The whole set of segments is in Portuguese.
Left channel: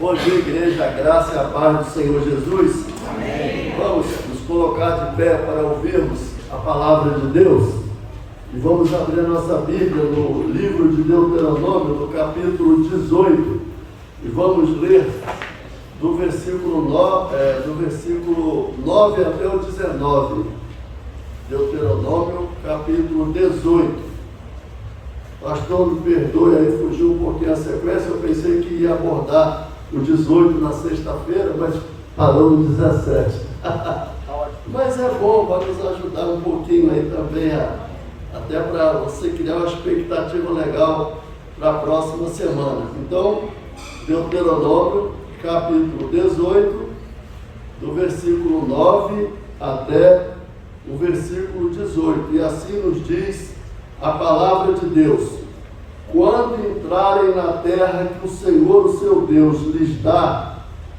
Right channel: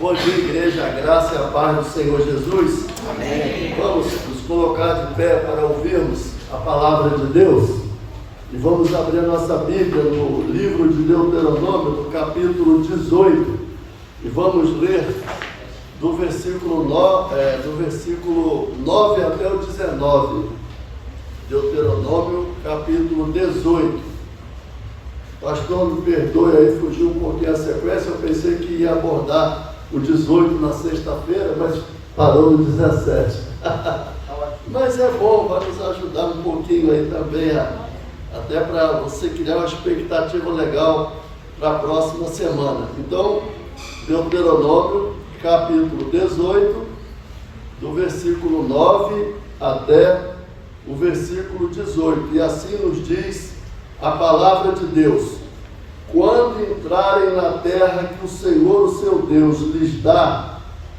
Bom dia, igreja, a graça e a paz do Senhor Jesus. Amém. Vamos nos colocar de pé para ouvirmos a palavra de Deus. E vamos abrir a nossa Bíblia no livro de Deuteronômio, no capítulo 18. E vamos ler do versículo 9 até o 19. Deuteronômio, capítulo 18. Pastor, me perdoe aí, fugiu um pouquinho a sequência. Eu pensei que ia abordar o 18 na sexta-feira, mas parou no 17. Mas é bom, vai nos ajudar um pouquinho aí também, até para você criar uma expectativa legal para a próxima semana. Então, Deuteronômio, capítulo 18, do versículo 9 até o versículo 18. E assim nos diz a palavra de Deus: quando entrarem na terra que o Senhor, o seu Deus, lhes dá,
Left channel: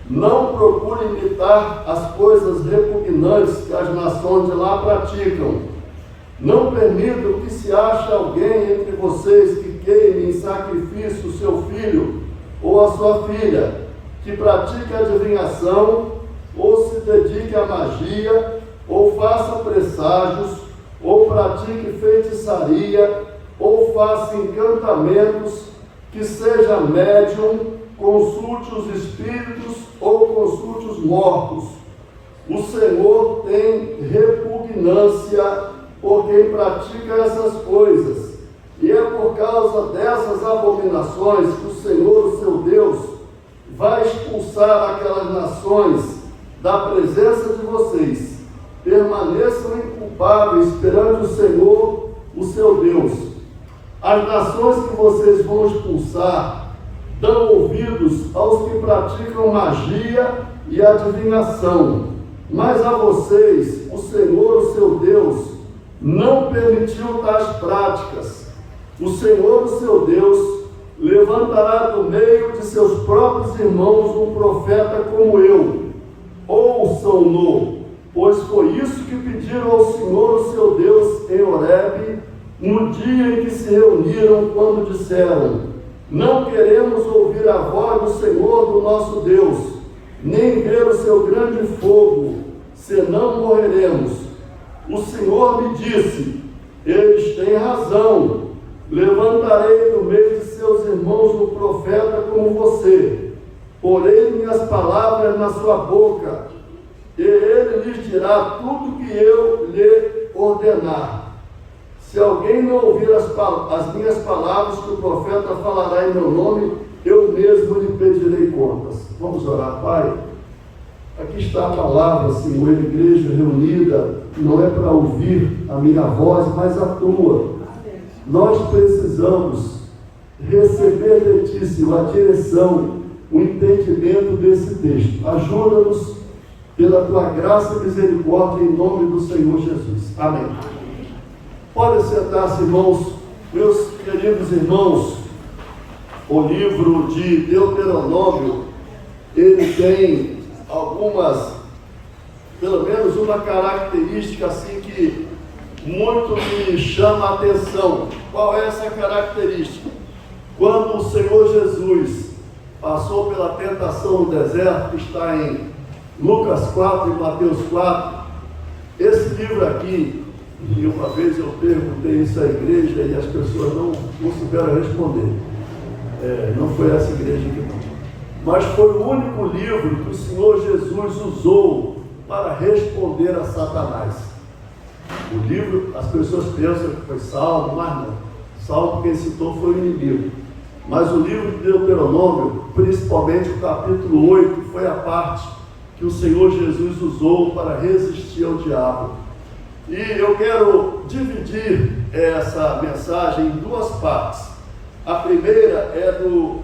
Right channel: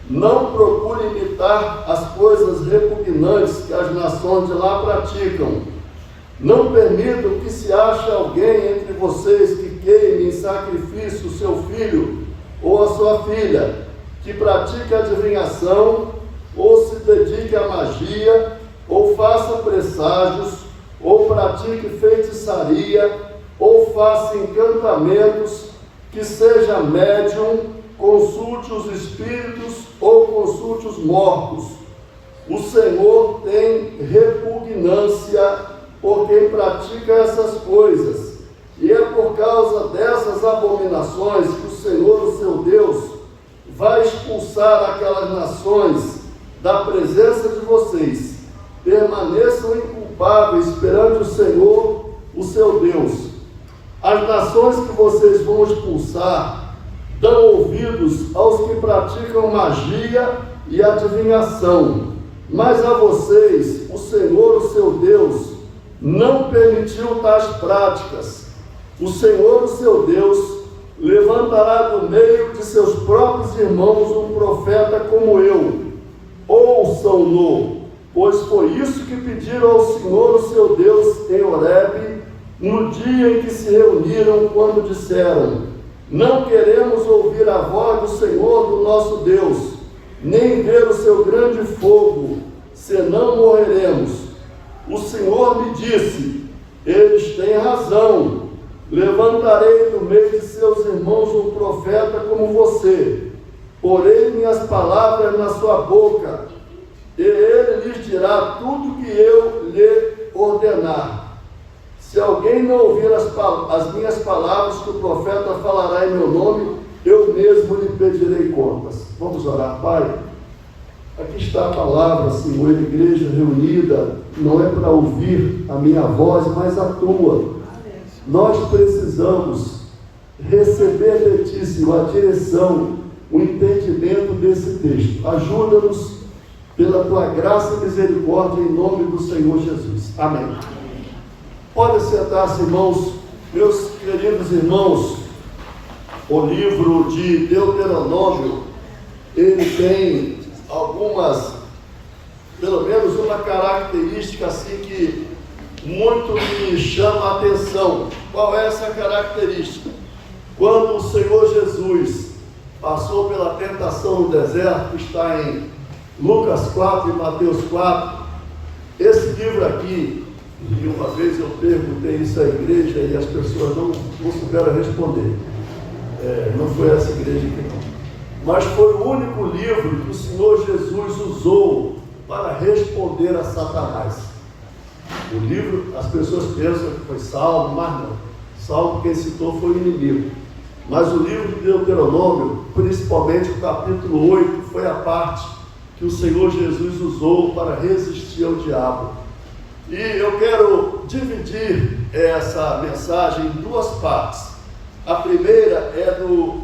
não procure imitar as coisas repugnantes que as nações de lá praticam. Não permitam que se ache alguém entre vocês que queime em sacrifício o seu filho ou a sua filha, que pratique adivinhação, ou se dedique à magia, ou faça presságios, ou pratique feitiçaria, ou faça encantamentos, que seja médium, consulte os espíritos ou consulte os mortos. O Senhor tem repugnância por quem pratica essas coisas, e é por causa dessas abominações que o Senhor, o seu Deus, vai expulsar aquelas nações da presença de vocês. Permaneçam inculpáveis perante o Senhor, o seu Deus. As nações que vocês vão expulsar dão ouvidos aos que praticam magia e adivinhação, mas a vocês, o Senhor, o seu Deus, não permitiu tais práticas. O Senhor, o seu Deus, levantará do meio de seus próprios irmãos um profeta como eu. Ouçam-no, pois foi isso que pediram ao Senhor, o seu Deus, em Horebe, no dia em que se reuniram, quando disseram: não queremos ouvir a voz do Senhor, do nosso Deus, nem ver o seu grande fogo, senão morreremos. O Senhor me disse: eles têm razão, levantarei do meio de seus irmãos um profeta como você, porei minhas palavras na sua boca, e ele lhes dirá tudo que eu lhe ordenar. Se alguém não ouvir as minhas palavras que o profeta falará em meu nome, eu mesmo lhe pedirei contas. Vamos orar. Pai, aqui está a palavra, Senhor, igreja reunida, não é para ouvir a minha voz, mas a tua. Nós precisamos receber de ti, Senhor, a direção, o entendimento desse texto. Ajuda-nos pela tua graça e misericórdia, em nome do Senhor Jesus. Amém. Podem sentar-se, irmãos. Meus queridos irmãos, o livro de Deuteronômio, ele tem algumas, pelo menos uma característica assim que muito me chama a atenção. Qual é essa característica? Quando o Senhor Jesus passou pela tentação no deserto, que está em Lucas 4 e Mateus 4, esse livro aqui, e uma vez eu perguntei isso à igreja e as pessoas não souberam responder. Não foi essa igreja aqui não. Mas foi o único livro que o Senhor Jesus usou para responder a Satanás. O livro, as pessoas pensam que foi Salmo, mas não. Salmo quem citou foi o inimigo. Mas o livro de Deuteronômio, principalmente o capítulo 8, foi a parte que o Senhor Jesus usou para resistir ao diabo. E eu quero dividir essa mensagem em duas partes. A primeira é do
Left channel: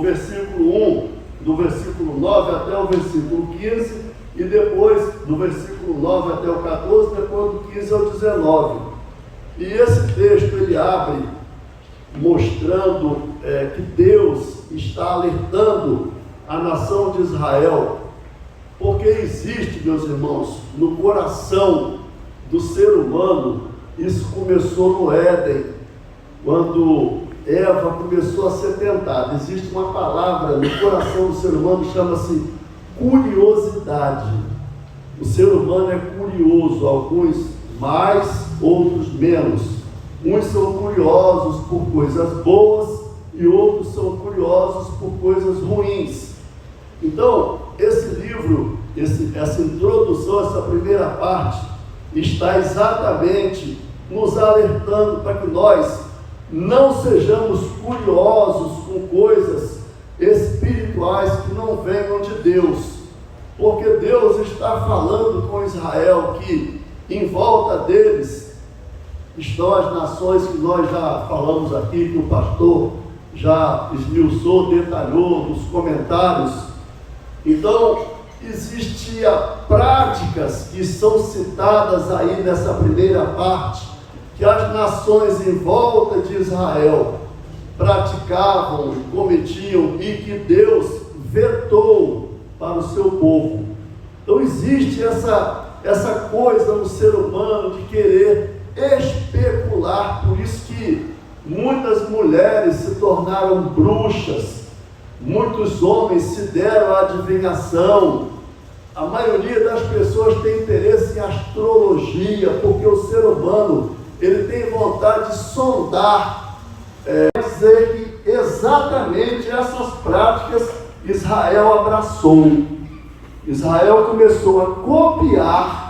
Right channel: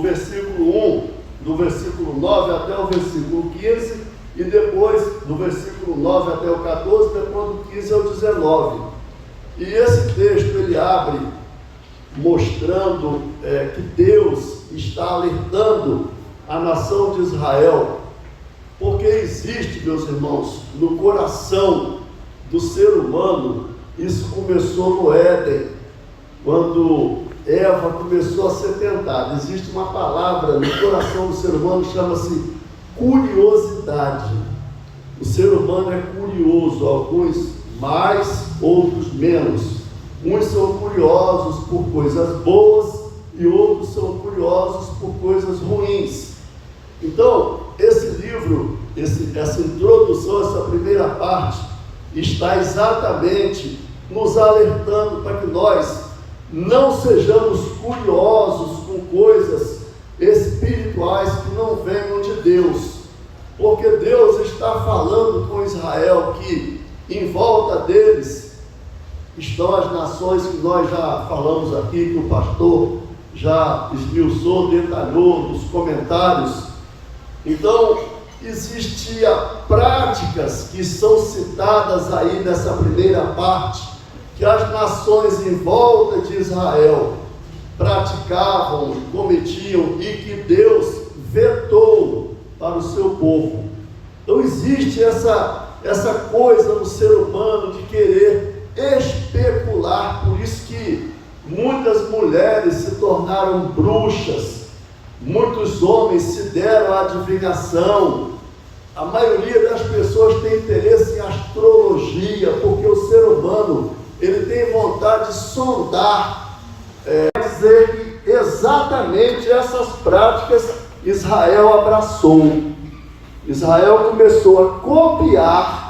versículo 1, do versículo 9 até o versículo 15, e depois do versículo 9 até o 14, depois do 15 ao 19. E esse texto ele abre mostrando que Deus está alertando a nação de Israel, porque existe, meus irmãos, no coração do ser humano, isso começou no Éden, quando Eva começou a ser tentada. Existe uma palavra no coração do ser humano, chama-se curiosidade. O ser humano é curioso, alguns mais, outros menos. Uns são curiosos por coisas boas e outros são curiosos por coisas ruins. Então, esse livro, essa introdução, essa primeira parte, está exatamente nos alertando para que nós não sejamos curiosos com coisas espirituais que não venham de Deus, porque Deus está falando com Israel que em volta deles estão as nações que nós já falamos aqui, que o pastor já esmiuçou, detalhou nos comentários. Então, existiam práticas que são citadas aí nessa primeira parte, que as nações em volta de Israel praticavam e cometiam e que Deus vetou para o seu povo. Então existe essa coisa no ser humano de querer especular, por isso que muitas mulheres se tornaram bruxas, muitos homens se deram à adivinhação. A maioria das pessoas tem interesse em astrologia, porque o ser humano, ele tem vontade de sondar, dizer que exatamente essas práticas Israel abraçou. Israel começou a copiar,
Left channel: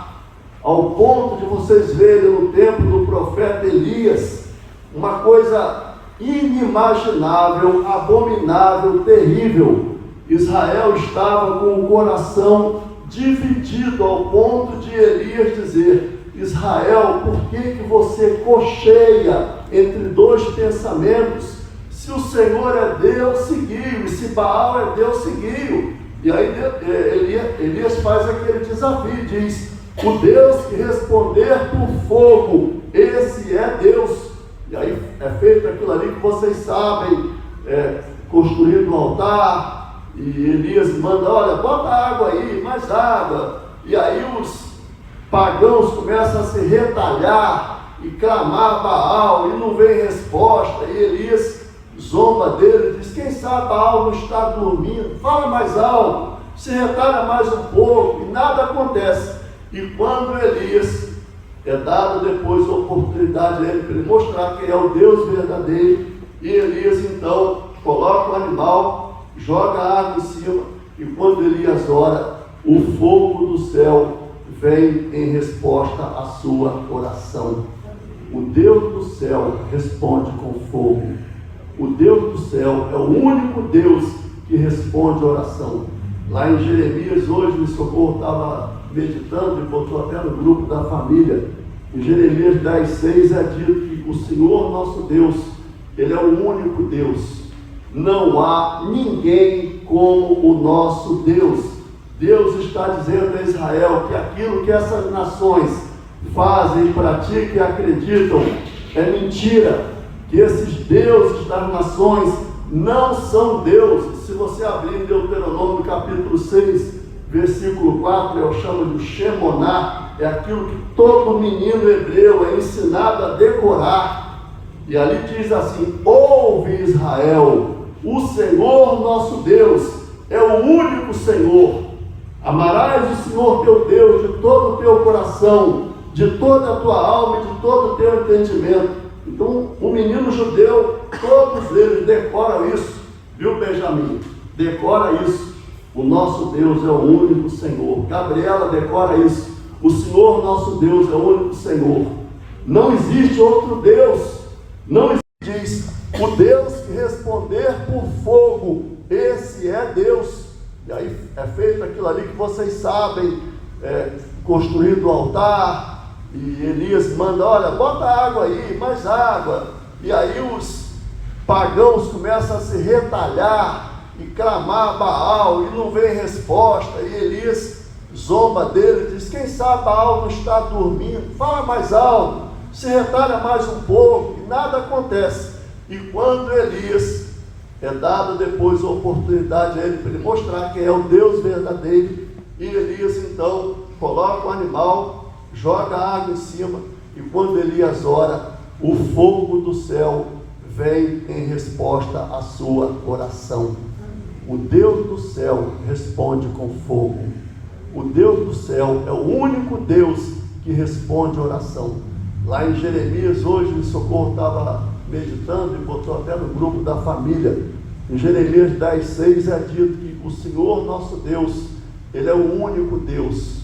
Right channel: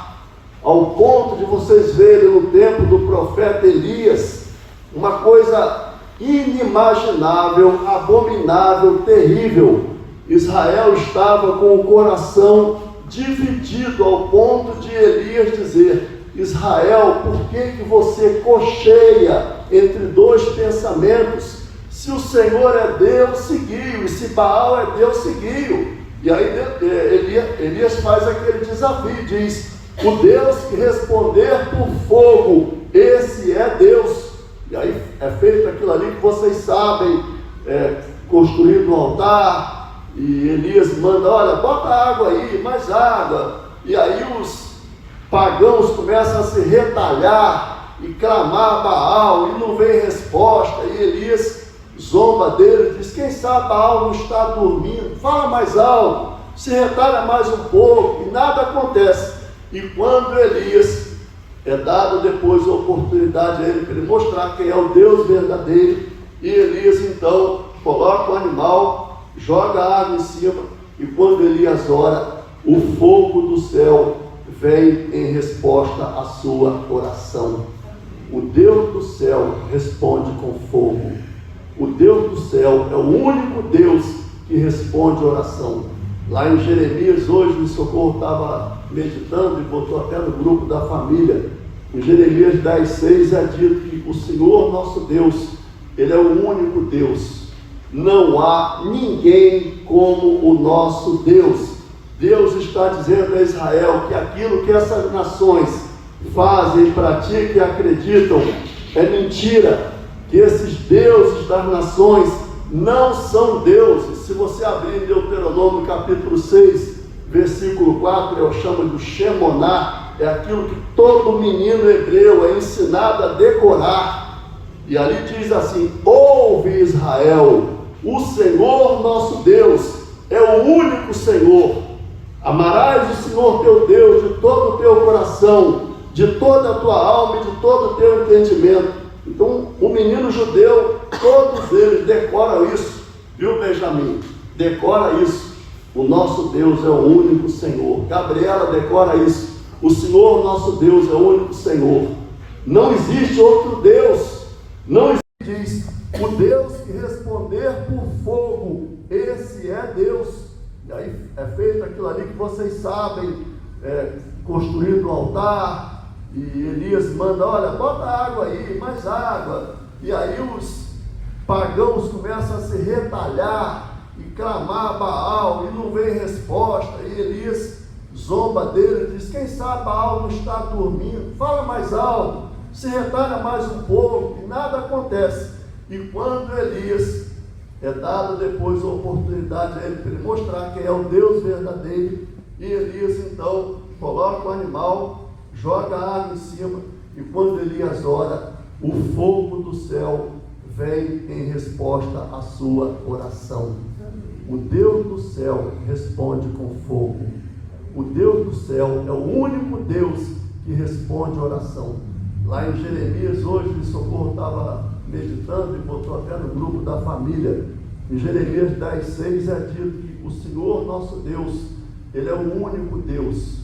ao ponto de vocês verem no tempo do profeta Elias, uma coisa inimaginável, abominável, terrível. Israel estava com o coração dividido, ao ponto de Elias dizer: Israel, por que você cocheia entre dois pensamentos? Se o Senhor é Deus, seguiu, e se Baal é Deus, seguiu. E aí Elias faz aquele desafio, diz: o Deus que responder por fogo, esse é Deus. E aí é feito aquilo ali que vocês sabem, construído um altar, e Elias manda: olha, bota água aí, mais água. E aí os pagãos começam a se retalhar e clamar a Baal, e não vem resposta. E Elias zomba dele, diz: quem sabe Baal não está dormindo, fala mais alto, se retalha mais um pouco, e nada acontece. E quando Elias é dado depois a oportunidade a ele para ele mostrar quem é o Deus verdadeiro, e Elias então coloca o animal, joga a água em cima, e quando Elias ora, o fogo do céu vem em resposta à sua oração. O Deus do céu responde com fogo. O Deus do céu é o único Deus que responde oração. Lá em Jeremias, hoje o Socorro estava meditando e botou até no grupo da família. Em Jeremias 10:6 é dito que o Senhor nosso Deus, Ele é o único Deus. Não há ninguém como o nosso Deus. Deus está dizendo a Israel que aquilo que essas nações fazem, praticam e acreditam é mentira, que esses deuses das nações não são deuses. Se você abrir em Deuteronômio capítulo 6, versículo 4, eu chamo de Shemoná, é aquilo que todo menino hebreu é ensinado a decorar. E ali diz assim: ouve Israel, o Senhor nosso Deus é o único Senhor. Amarás o Senhor teu Deus de todo o teu coração, de toda a tua alma e de todo o teu entendimento. Então, o menino judeu, todos eles decoram isso, viu, Benjamim? Decora isso. O nosso Deus é o único Senhor. Gabriela decora isso. O Senhor nosso Deus é o único Senhor. Não existe outro Deus. Não existe, diz, o Deus que responder por fogo, esse é Deus. E aí é feito aquilo ali que vocês sabem, construído o altar, e Elias manda: olha, bota água aí, mais água. E aí os pagãos começam a se retalhar e clamar a Baal, e não vem resposta. E Elias zomba dele, diz: quem sabe Baal não está dormindo, fala mais alto, se retalha mais um pouco, e nada acontece. E quando Elias é dado depois a oportunidade a ele para ele mostrar quem é o Deus verdadeiro, e Elias então coloca o animal, joga a água em cima, e quando Elias ora, o fogo do céu vem em resposta à sua oração. O Deus do céu responde com fogo. O Deus do céu é o único Deus que responde oração. Lá em Jeremias, hoje, o Socorro estava meditando e botou até no grupo da família. Em Jeremias 10:6 é dito que o Senhor nosso Deus, Ele é o único Deus.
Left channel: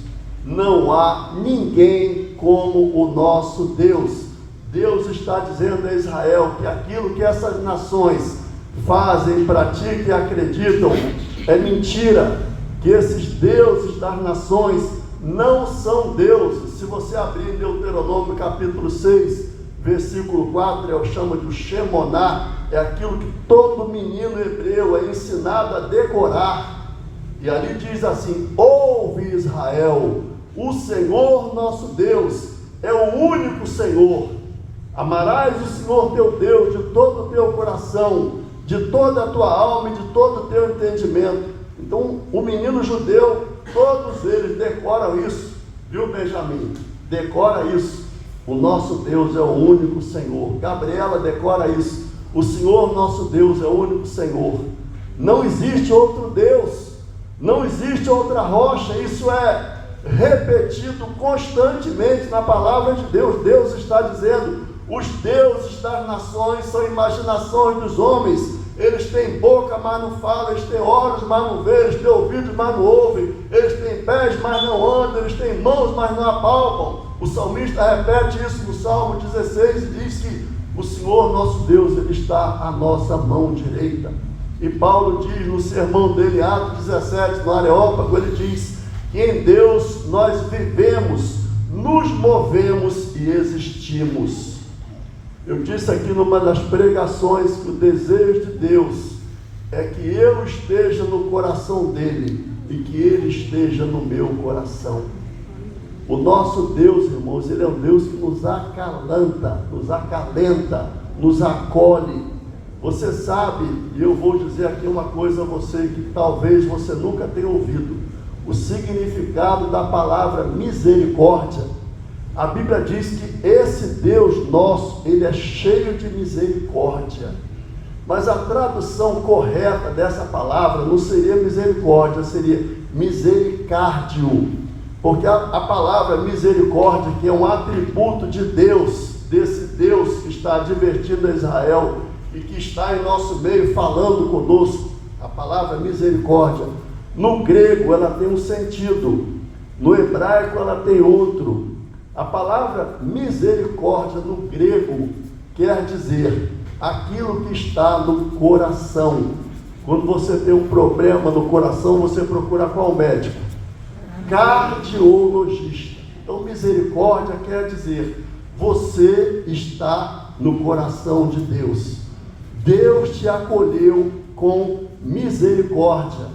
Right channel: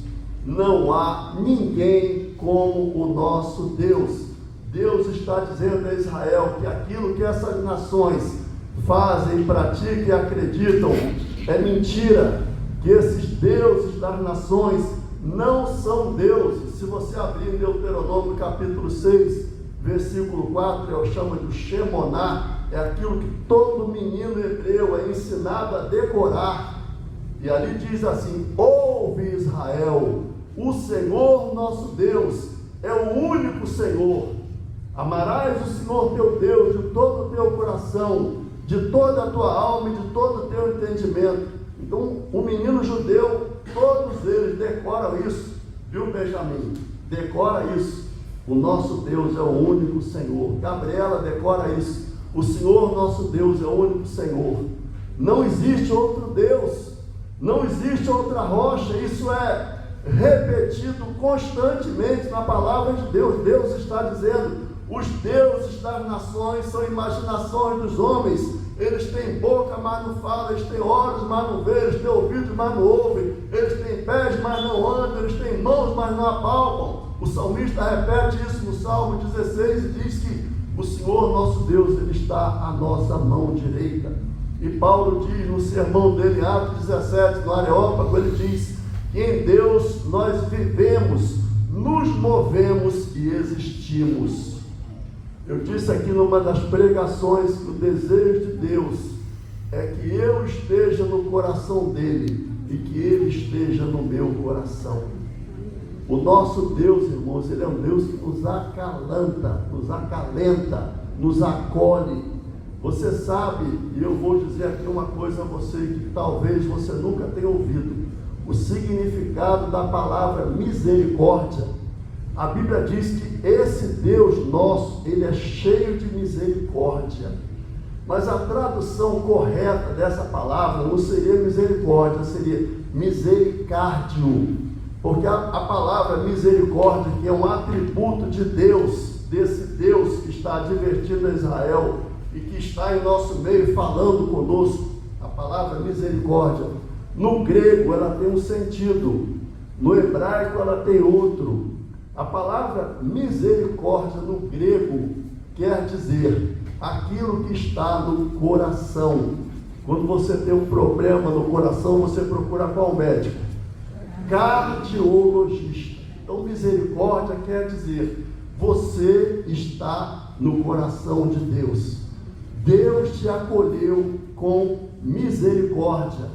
Não há ninguém como o nosso Deus. Deus está dizendo a Israel que aquilo que essas nações fazem, praticam e acreditam é mentira, que esses deuses das nações não são deuses. Se você abrir em Deuteronômio capítulo 6, versículo 4, eu chamo de Shemoná, é aquilo que todo menino hebreu é ensinado a decorar, e ali diz assim: ouve Israel, o Senhor nosso Deus é o único Senhor. Amarás o Senhor teu Deus de todo o teu coração, de toda a tua alma e de todo o teu entendimento. Então, o menino judeu, todos eles decoram isso, viu, Benjamin? Decora isso. O nosso Deus é o único Senhor. Gabriela decora isso. O Senhor nosso Deus é o único Senhor. Não existe outro Deus, não existe outra rocha. Isso é repetido constantemente na palavra de Deus. Deus está dizendo: os deuses das nações são imaginações dos homens. Eles têm boca, mas não falam. Eles têm olhos, mas não veem. Eles têm ouvidos, mas não ouvem. Eles têm pés, mas não andam. Eles têm mãos, mas não apalpam. O salmista repete isso no Salmo 16 e diz que o Senhor nosso Deus, Ele está à nossa mão direita. E Paulo diz no sermão dele, Atos 17, no Areópago, ele diz que em Deus nós vivemos, nos movemos e existimos. Eu disse aqui numa das pregações que o desejo de Deus é que eu esteja no coração dele e que ele esteja no meu coração. O nosso Deus, irmãos, Ele é um Deus que nos acalenta, nos acolhe. Você sabe, e eu vou dizer aqui uma coisa a você que talvez você nunca tenha ouvido, o significado da palavra misericórdia. A Bíblia diz que esse Deus nosso, Ele é cheio de misericórdia. Mas a tradução correta dessa palavra não seria misericórdia, seria misericárdio. Porque a palavra misericórdia, que é um atributo de Deus, desse Deus que está advertindo a Israel e que está em nosso meio falando conosco, a palavra misericórdia, no grego ela tem um sentido, no hebraico ela tem outro. A palavra misericórdia no grego quer dizer aquilo que está no coração. Quando você tem um problema no coração, você procura qual médico? Cardiologista. Então misericórdia quer dizer você está no coração de Deus. Deus te acolheu com misericórdia.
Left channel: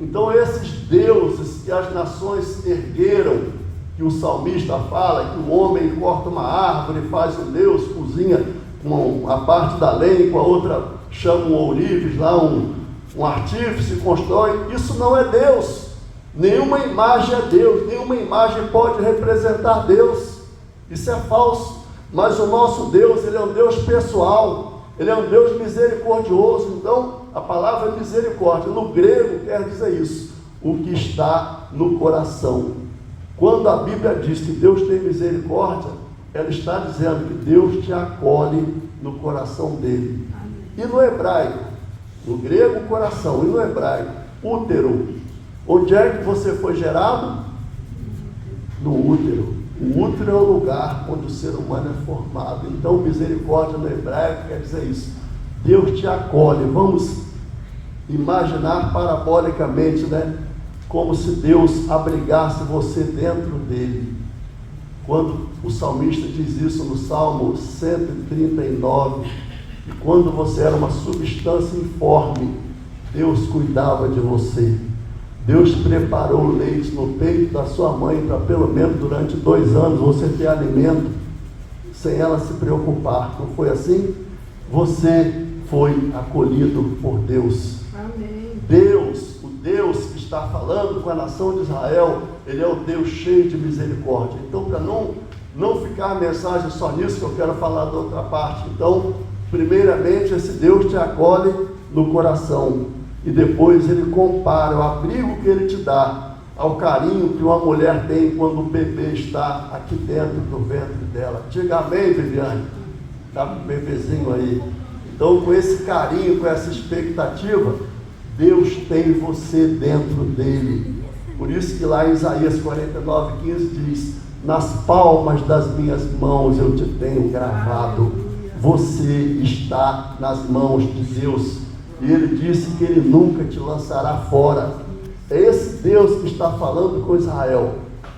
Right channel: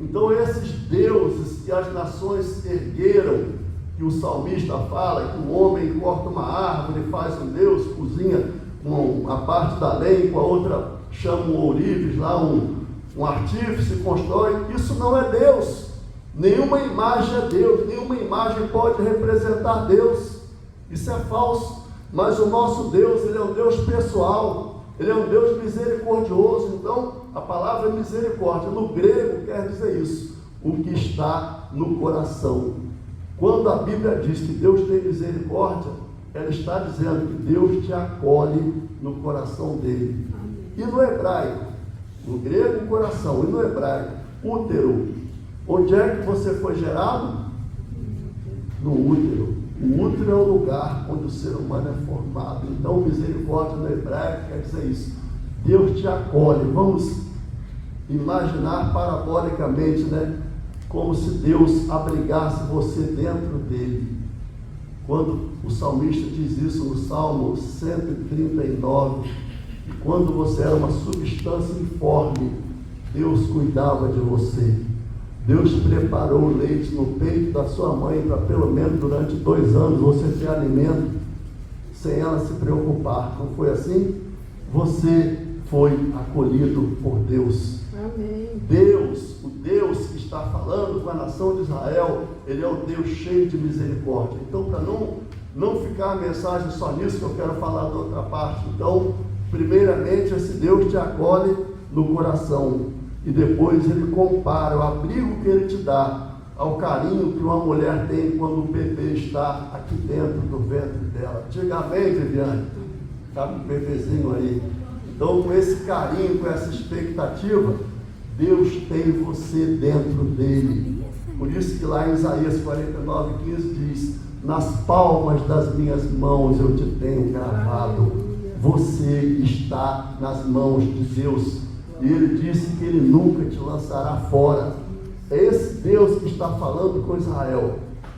Então esses deuses que as nações ergueram, que o salmista fala, que o homem corta uma árvore, faz um Deus, cozinha com a parte da lenha, com a outra chama um ourives, lá um artífice, constrói. Isso não é Deus. Nenhuma imagem é Deus, nenhuma imagem pode representar Deus. Isso é falso. Mas o nosso Deus, Ele é um Deus pessoal, Ele é um Deus misericordioso. Então, a palavra misericórdia, no grego, quer dizer isso, o que está no coração. Quando a Bíblia diz que Deus tem misericórdia, ela está dizendo que Deus te acolhe no coração dele. E no hebraico, no grego coração, e no hebraico, útero. Onde é que você foi gerado? No útero. O útero é o lugar onde o ser humano é formado. Então, misericórdia no hebraico quer dizer isso. Deus te acolhe. Vamos imaginar parabolicamente, né? Como se Deus abrigasse você dentro dele. Quando o salmista diz isso no Salmo 139, que quando você era uma substância informe, Deus cuidava de você. Deus preparou o leite no peito da sua mãe para pelo menos durante 2 anos você ter alimento sem ela se preocupar. Não foi assim? Você foi acolhido por Deus. Amém. Deus, o Deus que está falando com a nação de Israel, Ele é o Deus cheio de misericórdia. Então, para não ficar a mensagem só nisso, que eu quero falar da outra parte. Então, Primeiramente, esse Deus te acolhe no coração, e depois ele compara o abrigo que ele te dá ao carinho que uma mulher tem quando o bebê está aqui dentro do ventre dela. Diga amém, Viviane. Está com o bebezinho aí. Então, com esse carinho, com essa expectativa, Deus tem você dentro dele. Por isso que lá em Isaías 49:15 diz: nas palmas das minhas mãos eu te tenho gravado. Você está nas mãos de Deus. E ele disse que ele nunca te lançará fora. É esse Deus que está falando com Israel.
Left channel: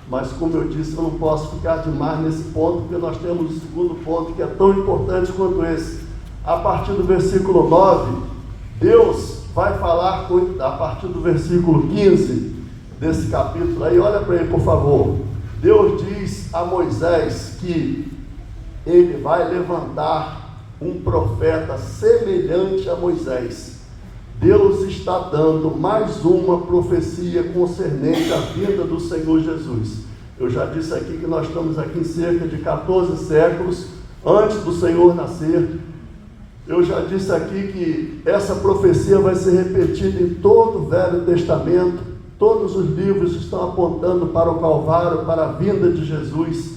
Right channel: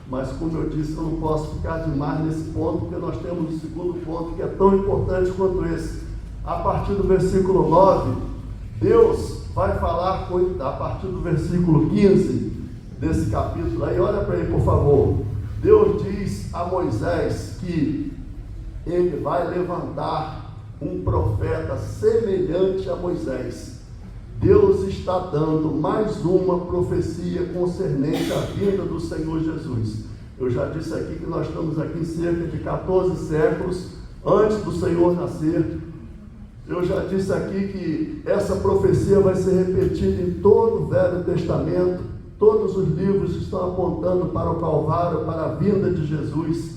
Mas como eu disse, eu não posso ficar demais nesse ponto, porque nós temos o segundo ponto que é tão importante quanto esse. A partir do versículo 9, Deus vai falar a partir do versículo 15 desse capítulo aí. Olha para ele, por favor. Deus diz a Moisés que ele vai levantar um profeta semelhante a Moisés. Deus está dando mais uma profecia concernente à vinda do Senhor Jesus. Eu já disse aqui que nós estamos aqui em cerca de 14 séculos antes do Senhor nascer. Eu já disse aqui que essa profecia vai ser repetida em todo o Velho Testamento. Todos os livros estão apontando para o Calvário, para a vinda de Jesus.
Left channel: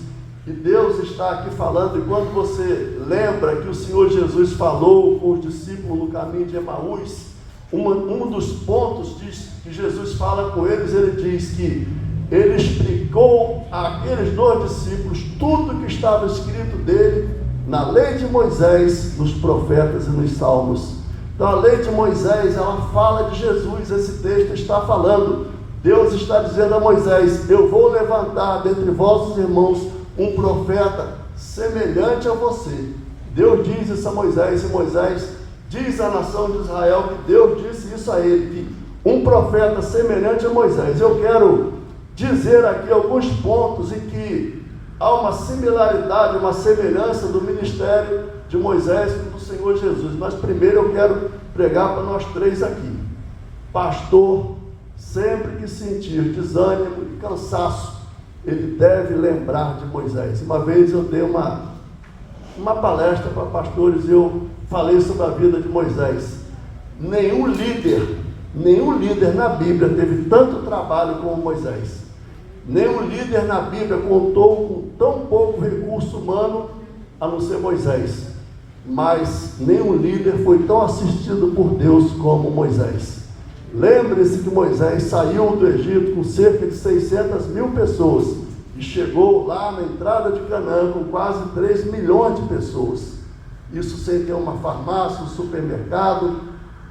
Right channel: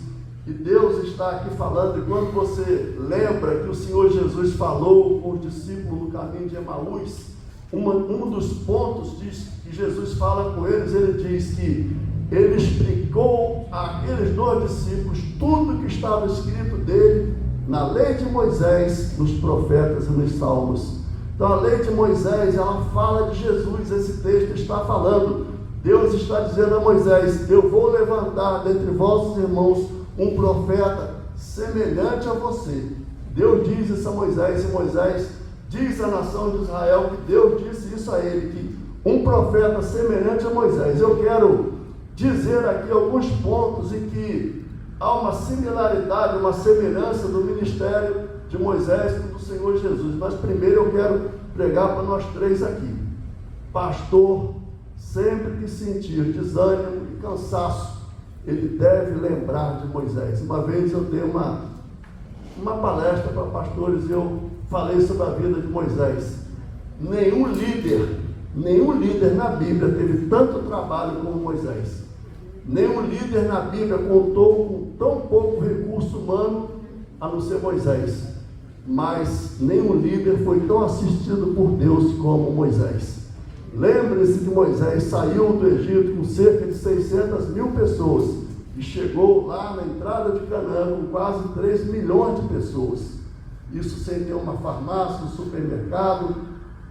E Deus está aqui falando, e quando você lembra que o Senhor Jesus falou com os discípulos no caminho de Emaús, um dos pontos que Jesus fala com eles, ele diz que ele explicou àqueles 2 discípulos tudo que estava escrito dele na lei de Moisés, nos profetas e nos salmos. Então a lei de Moisés, ela fala de Jesus. Esse texto está falando, Deus está dizendo a Moisés: eu vou levantar dentre vossos irmãos um profeta semelhante a você. Deus diz isso a Moisés, e Moisés diz à nação de Israel que Deus disse isso a ele, que um profeta semelhante a Moisés. Eu quero dizer aqui alguns pontos em que há uma similaridade, uma semelhança do ministério de Moisés com o do Senhor Jesus. Mas primeiro eu quero pregar para nós 3 aqui. Pastor, sempre que sentir desânimo e cansaço, ele deve lembrar de Moisés. Uma vez eu dei uma palestra para pastores e eu falei sobre a vida de Moisés. Nenhum líder na Bíblia teve tanto trabalho como Moisés. Nenhum líder na Bíblia contou com tão pouco recurso humano a não ser Moisés. Mas nenhum líder foi tão assistido por Deus como Moisés. Lembre-se que Moisés saiu do Egito com cerca de 600 mil pessoas e chegou lá na entrada de Canaã com quase 3 milhões de pessoas. Isso sem ter uma farmácia, um supermercado,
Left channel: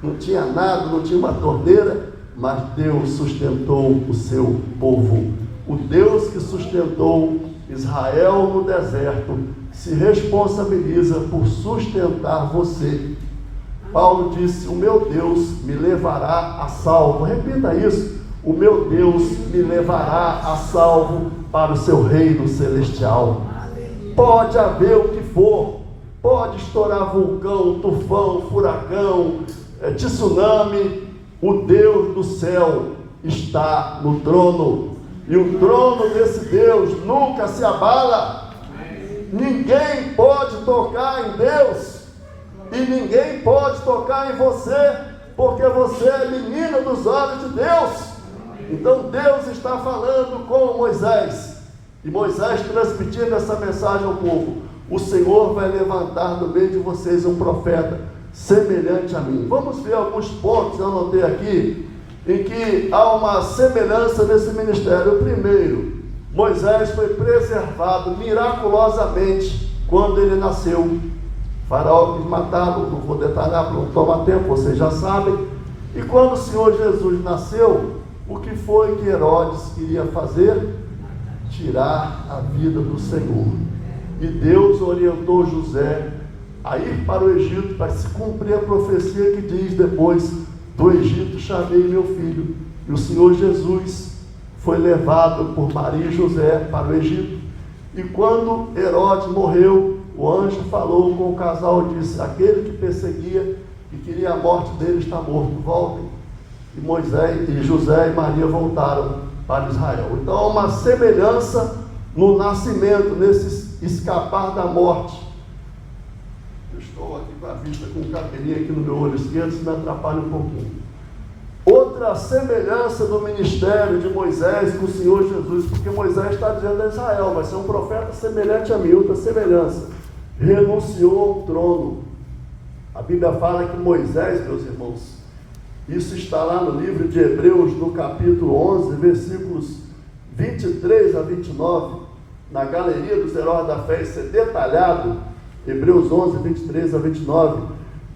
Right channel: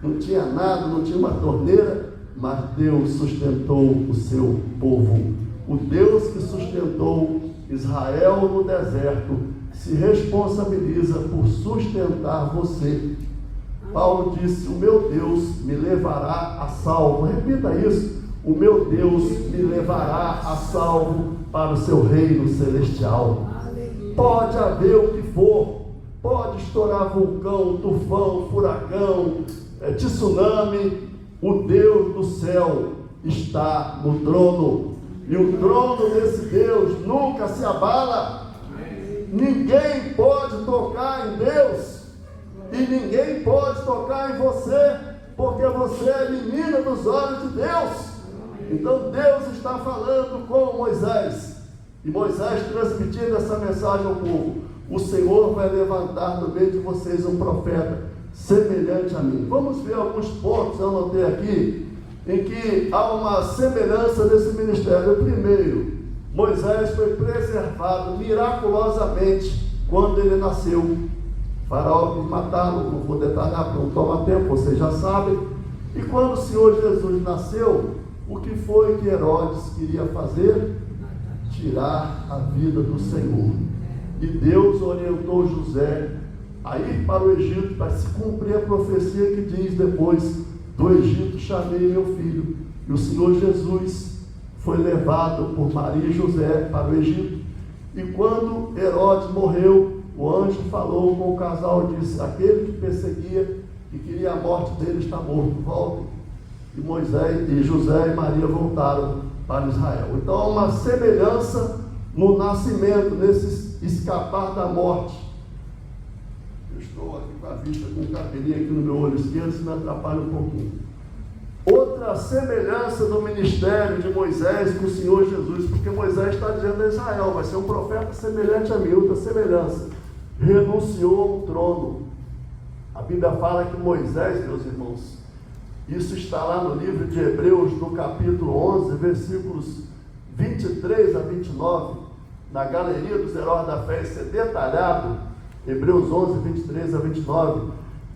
não tinha nada, não tinha uma torneira, mas Deus sustentou o seu povo. O Deus que sustentou Israel no deserto se responsabiliza por sustentar você. Paulo disse: o meu Deus me levará a salvo. Repita isso: o meu Deus me levará a salvo para o seu reino celestial. Pode haver o que for, pode estourar vulcão, tufão, furacão, tsunami, o Deus do céu está no trono, e o trono desse Deus nunca se abala. Ninguém pode tocar em Deus, e ninguém pode tocar em você, porque você é menina dos olhos de Deus. Então Deus está falando com Moisés, e Moisés transmitindo essa mensagem ao povo: o Senhor vai levantar no meio de vocês um profeta semelhante a mim. Vamos ver alguns pontos, eu anotei aqui, em que há uma semelhança nesse ministério. O primeiro, Moisés foi preservado miraculosamente quando ele nasceu. O faraó quis matá-lo, não vou detalhar para não tomar tempo, vocês já sabem. E quando o Senhor Jesus nasceu, o que foi que Herodes queria fazer? Tirar a vida do Senhor. E Deus orientou José a ir para o Egito, para se cumprir a profecia que diz depois: do Egito chamei meu filho. E o Senhor Jesus foi levado por Maria e José para o Egito. E quando Herodes morreu, o anjo falou com o casal e disse: aquele que perseguia, que queria a morte dele, está morto, voltem. E Moisés e José e Maria voltaram para Israel. Então há uma semelhança no nascimento, nesse escapar da morte. Eu estou aqui com a vista com um cabelinho aqui no meu olho esquerdo, isso me atrapalha um pouquinho. Outra semelhança do ministério de Moisés com o Senhor Jesus, porque Moisés está dizendo a Israel, vai ser um profeta semelhante a mim, outra semelhança. Renunciou ao trono. A Bíblia fala que Moisés, meus irmãos, isso está lá no livro de Hebreus, no capítulo 11, versículos 23 a 29, na galeria dos heróis da fé, isso é detalhado, Hebreus 11, 23 a 29,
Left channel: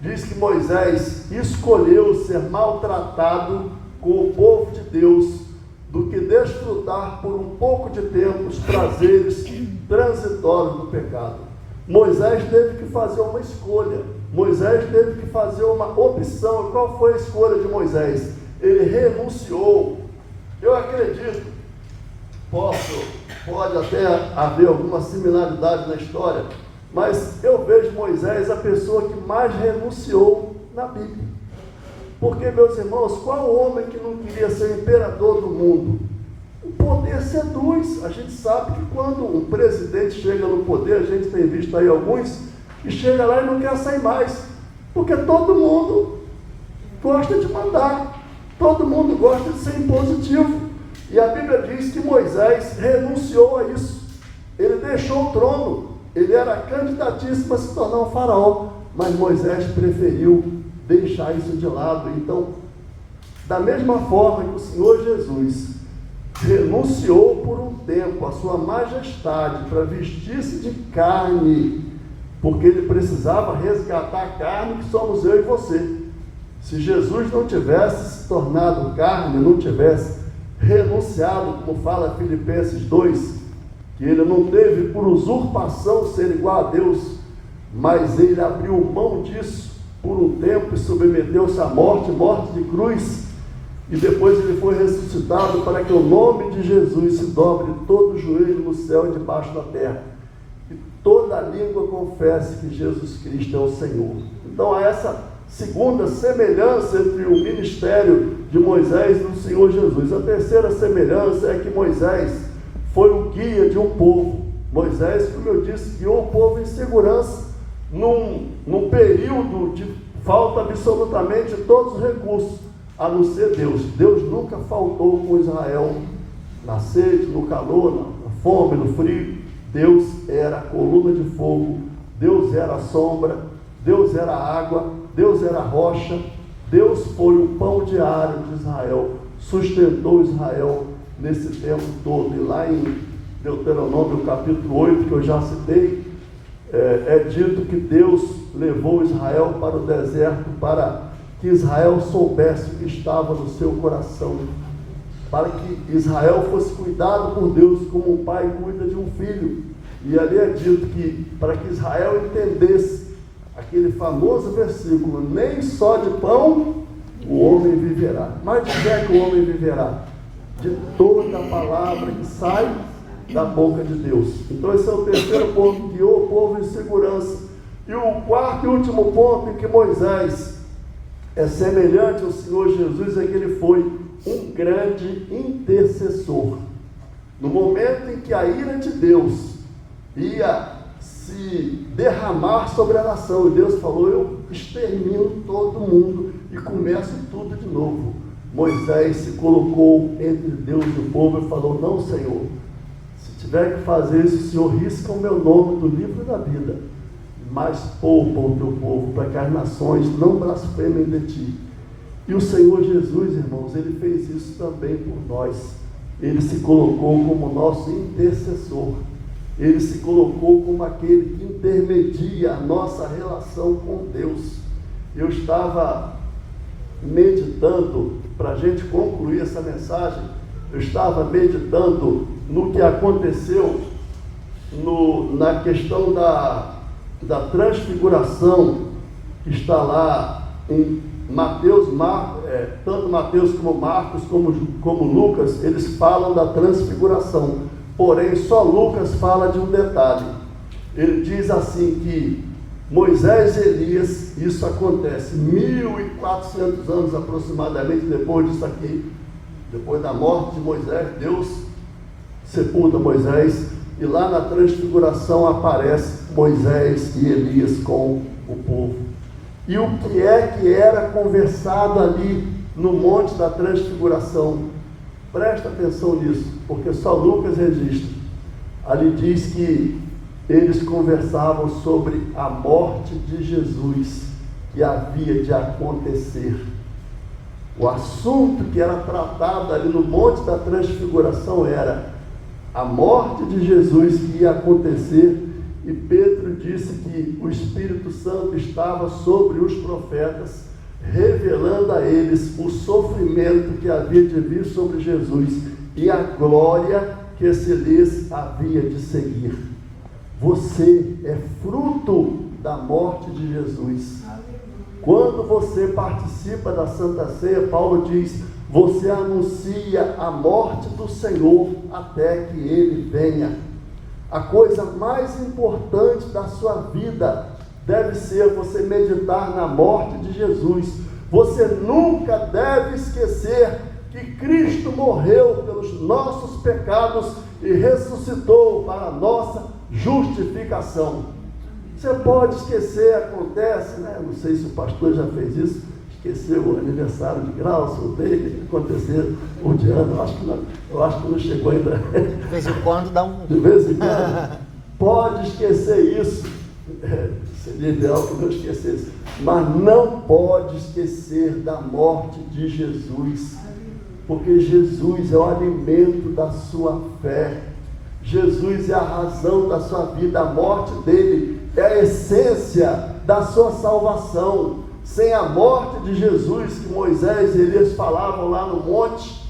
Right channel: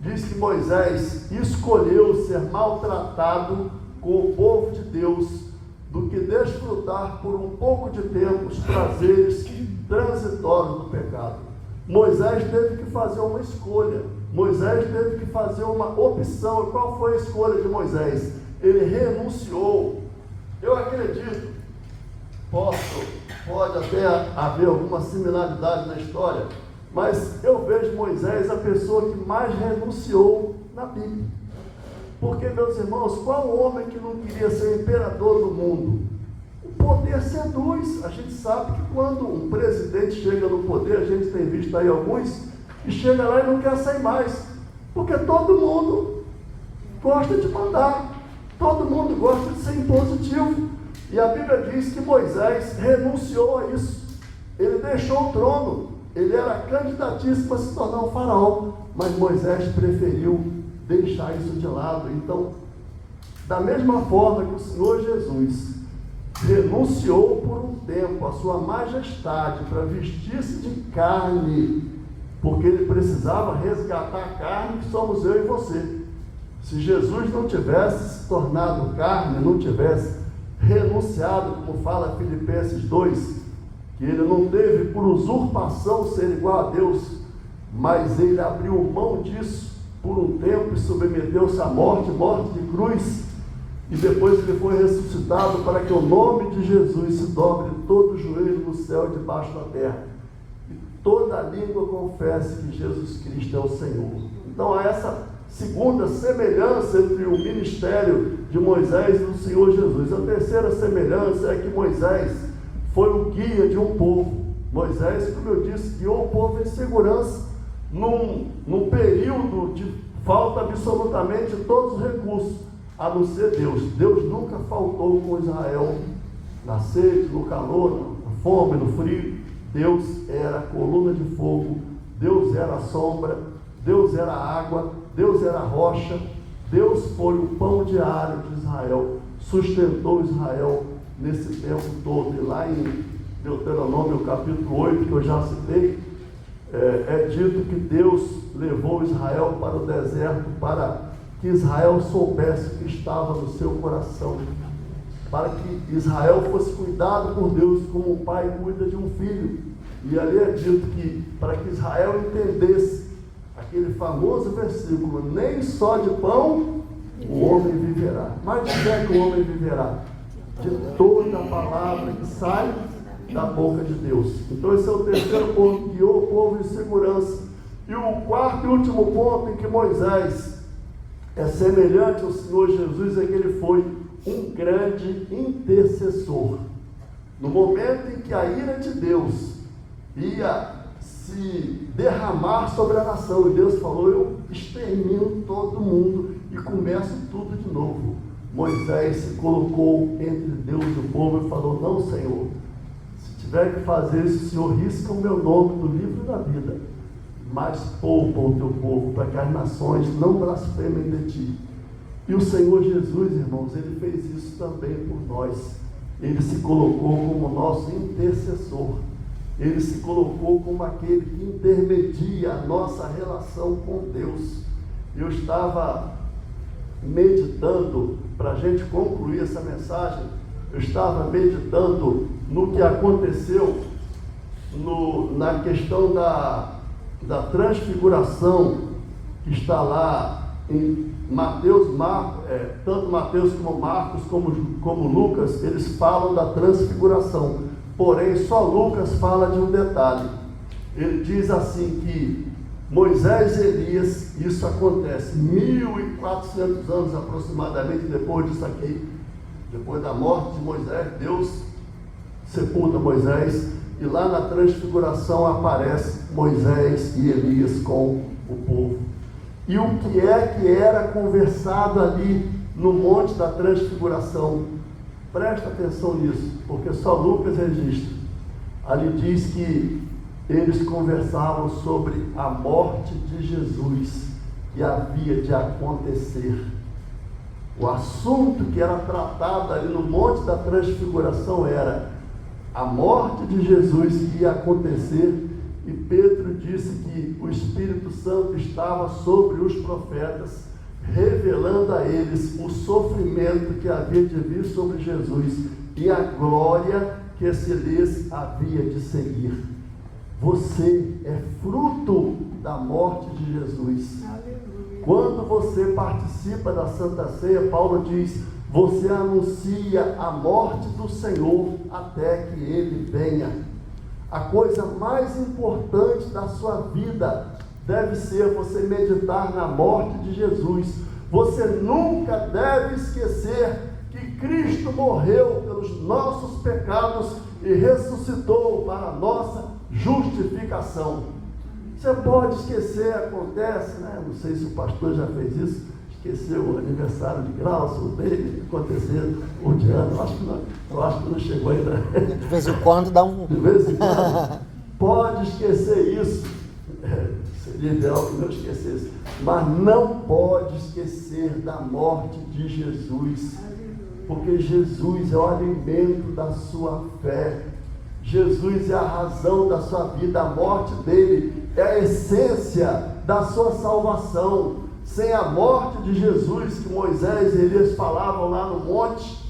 diz que Moisés escolheu ser maltratado com o povo de Deus, do que desfrutar por um pouco de tempo os prazeres transitórios do pecado. Moisés teve que fazer uma escolha, Moisés teve que fazer uma opção. E qual foi a escolha de Moisés? Ele renunciou. Eu acredito, pode até haver alguma similaridade na história, mas eu vejo Moisés a pessoa que mais renunciou na Bíblia. Porque, meus irmãos, qual homem que não queria ser imperador do mundo? O poder seduz. A gente sabe que quando um presidente chega no poder, a gente tem visto aí alguns, que chega lá e não quer sair mais, porque todo mundo gosta de mandar, todo mundo gosta de ser impositivo. E a Bíblia diz que Moisés renunciou a isso. Ele deixou o trono, ele era candidatíssimo a se tornar um faraó, mas Moisés preferiu deixar isso de lado. Então, da mesma forma que o Senhor Jesus renunciou por um tempo a sua majestade para vestir-se de carne, porque ele precisava resgatar a carne que somos eu e você. Se Jesus não tivesse se tornado carne, não tivesse renunciado, como fala Filipenses 2, que ele não teve por usurpação ser igual a Deus, mas ele abriu mão disso por um tempo e submeteu-se à morte de cruz, e depois ele foi ressuscitado para que o nome de Jesus se dobre todo o joelho no céu e debaixo da terra, e toda língua confesse que Jesus Cristo é o Senhor. Então há essa segunda semelhança entre o ministério de Moisés e do Senhor Jesus. A terceira semelhança é que Moisés foi o guia de um povo. Moisés, como eu disse, guiou o povo em segurança num período de falta absolutamente de todos os recursos, a não ser Deus. Deus nunca faltou com Israel na sede, no calor, na fome, no frio. Deus era a coluna de fogo, Deus era a sombra, Deus era a água, Deus era a rocha. Deus foi o pão diário de Israel, sustentou Israel nesse tempo todo. E lá em Deuteronômio capítulo 8, que eu já citei, é dito que Deus levou Israel para o deserto para que Israel soubesse o que estava no seu coração, para que Israel fosse cuidado por Deus como um pai cuida de um filho. E ali é dito que para que Israel entendesse aquele famoso versículo: nem só de pão o homem viverá. Mas de que é que o homem viverá? De toda a palavra que sai da boca de Deus. Então esse é o terceiro ponto, guiou o povo em segurança. E o quarto e último ponto em que Moisés é semelhante ao Senhor Jesus é que ele foi um grande intercessor. No momento em que a ira de Deus ia se derramar sobre a nação, e Deus falou: eu extermino todo mundo e começo tudo de novo, Moisés se colocou entre Deus e o povo e falou: não, Senhor, se tiver que fazer isso, o Senhor risca o meu nome do livro da vida, mas poupa o teu povo, para que as nações não blasfemem de ti. E o Senhor Jesus, irmãos, ele fez isso também por nós. Ele se colocou como nosso intercessor. Ele se colocou como aquele que intermedia a nossa relação com Deus. Eu estava meditando, para a gente concluir essa mensagem, eu estava meditando no que aconteceu na questão da transfiguração, que está lá em Mateus, tanto Mateus como Marcos, como Lucas, eles falam da transfiguração, porém só Lucas fala de um detalhe. Ele diz assim que Moisés e Elias, isso acontece 1400 anos aproximadamente depois disso aqui, depois da morte de Moisés, Deus sepulta Moisés, e lá na transfiguração aparece Moisés e Elias com o povo. E o que é que era conversado ali no Monte da Transfiguração? Presta atenção nisso, porque só Lucas registra. Ali diz que eles conversavam sobre a morte de Jesus que havia de acontecer. O assunto que era tratado ali no Monte da Transfiguração era a morte de Jesus que ia acontecer, e Pedro disse que o Espírito Santo estava sobre os profetas, revelando a eles o sofrimento que havia de vir sobre Jesus e a glória que esse lhes havia de seguir. Você é fruto da morte de Jesus. Quando você participa da Santa Ceia, Paulo diz, você anuncia a morte do Senhor até que Ele venha. A coisa mais importante da sua vida deve ser você meditar na morte de Jesus. Você nunca deve esquecer que Cristo morreu pelos nossos pecados e ressuscitou para a nossa justificação. Você pode esquecer, acontece, né? Não sei se o pastor já fez isso, esqueceu o aniversário de Glaucio, dele, aconteceu o de ano, eu acho que não chegou ainda. De vez em quando dá um... De vez em quando. Pode esquecer isso. Seria ideal que não esquecesse. Mas não pode esquecer da morte de Jesus. Porque Jesus é o alimento da sua fé. Jesus é a razão da sua vida. A morte dele é a essência da sua salvação. Sem a morte de Jesus, que Moisés e Elias falavam lá no monte,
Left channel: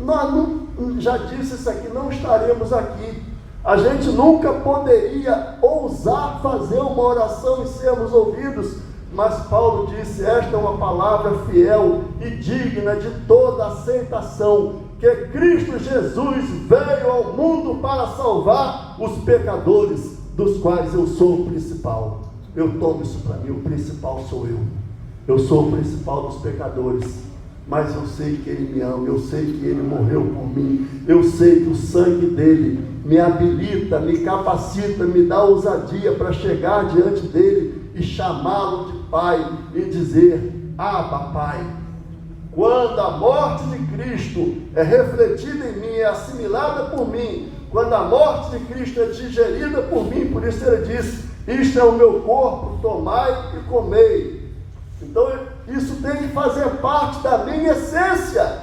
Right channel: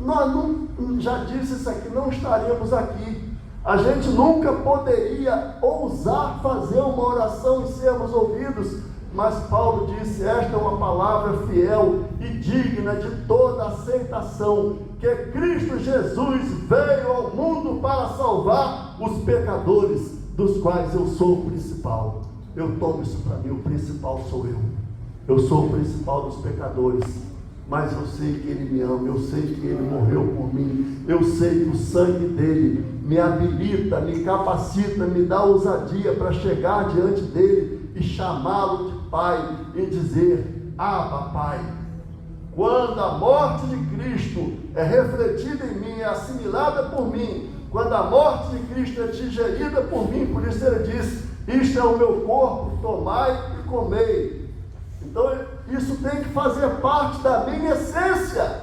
nós não, já disse isso aqui, não estaremos aqui. A gente nunca poderia ousar fazer uma oração e sermos ouvidos, mas Paulo disse, esta é uma palavra fiel e digna de toda aceitação, que Cristo Jesus veio ao mundo para salvar os pecadores, dos quais eu sou o principal. Eu tomo isso para mim, o principal sou eu. Eu sou o principal dos pecadores, mas eu sei que Ele me ama, eu sei que Ele morreu por mim, eu sei que o sangue dEle me habilita, me capacita, me dá ousadia para chegar diante dEle e chamá-lo de Pai e dizer, Abba, Pai. Quando a morte de Cristo é refletida em mim, é assimilada por mim, quando a morte de Cristo é digerida por mim, por isso Ele disse, isto é o meu corpo, tomai e comei. Então isso tem que fazer parte da minha essência.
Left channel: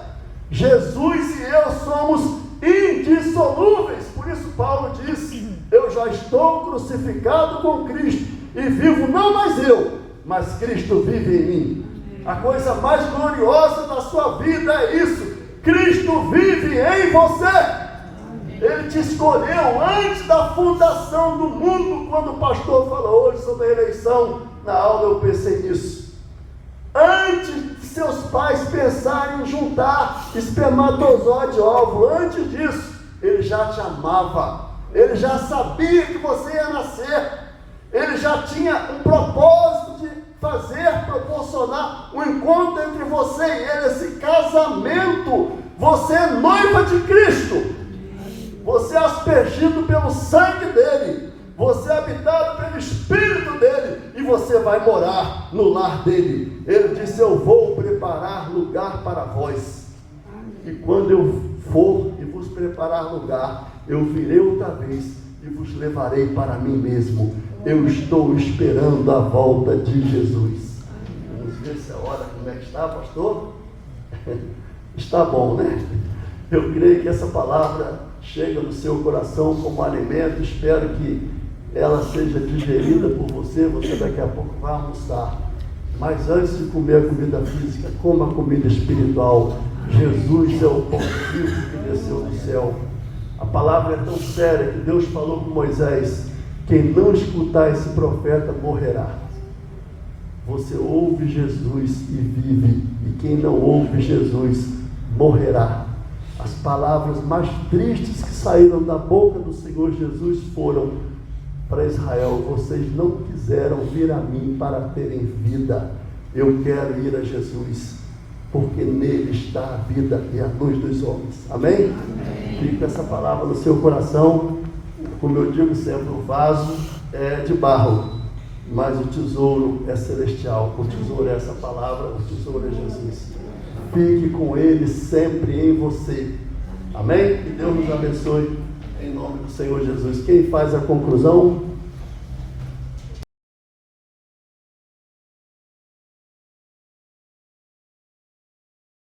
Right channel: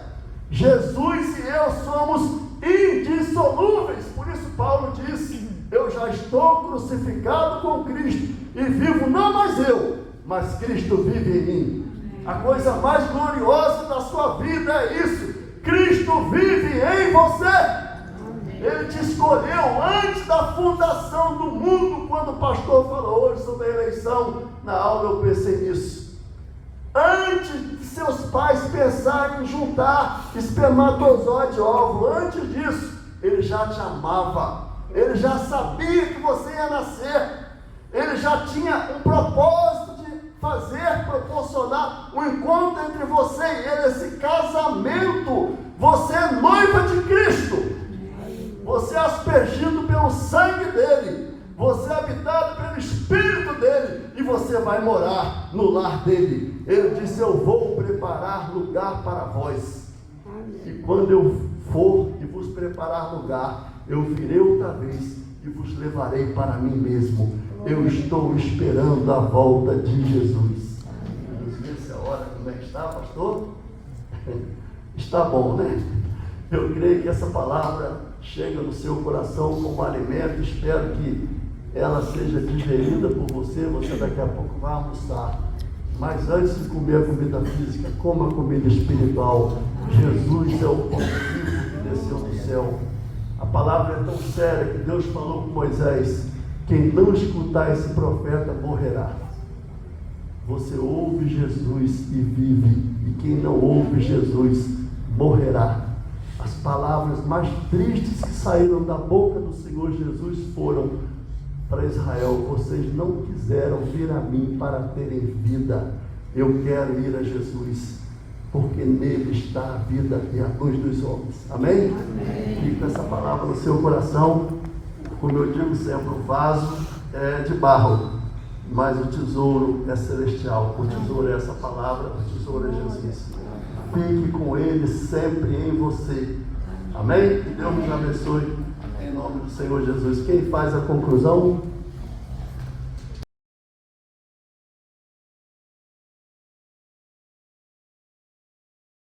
Jesus e eu somos indissolúveis. Por isso Paulo disse, eu já estou crucificado com Cristo e vivo não mais eu, mas Cristo vive em mim. A coisa mais gloriosa da sua vida é isso, Cristo vive em você. Ele te escolheu antes da fundação do mundo. Quando o pastor falou hoje sobre a eleição, na aula eu pensei nisso. Antes de seus pais pensarem em juntar espermatozoide e óvulo, antes disso, Ele já te amava. Ele já sabia que você ia nascer. Ele já tinha um propósito de fazer, proporcionar um encontro entre você e Ele, esse casamento. Você é noiva de Cristo. Você é aspergido pelo sangue dEle, você é habitado pelo Espírito dEle, e você vai morar no lar dEle. Ele disse, eu vou preparar lugar para vós, e quando eu for e vos preparar lugar, eu virei outra vez e vos levarei para mim mesmo. Eu estou esperando a volta de Jesus. Vamos ver se a hora como é que está, pastor? Está bom, né? Eu creio que essa palavra chega no seu coração como alimento. Espero que ela seja digerida por você. Você daqui a pouco vai almoçar, mas antes de comer a comida física, coma a comida espiritual. Jesus é o pão vivo que desceu do céu. A palavra é tão séria que Deus falou com Moisés, quem não escutar esse profeta morrerá. Você ouve Jesus e vive, e quem não ouve Jesus morrerá. As palavras mais tristes que saíram da boca do Senhor Jesus foram para Israel: vocês não quiseram vir a mim para terem vida, eu quero ir a Jesus, porque nele está a vida e a luz dos homens. Amém? Amém. Fique com essa palavra no seu coração. Como eu digo sempre, o vaso é de barro, mas o tesouro é celestial. O tesouro é essa palavra, o tesouro é Jesus. Fique com Ele sempre em você. Amém? Que Deus nos abençoe. Em nome do Senhor Jesus. Quem faz a conclusão?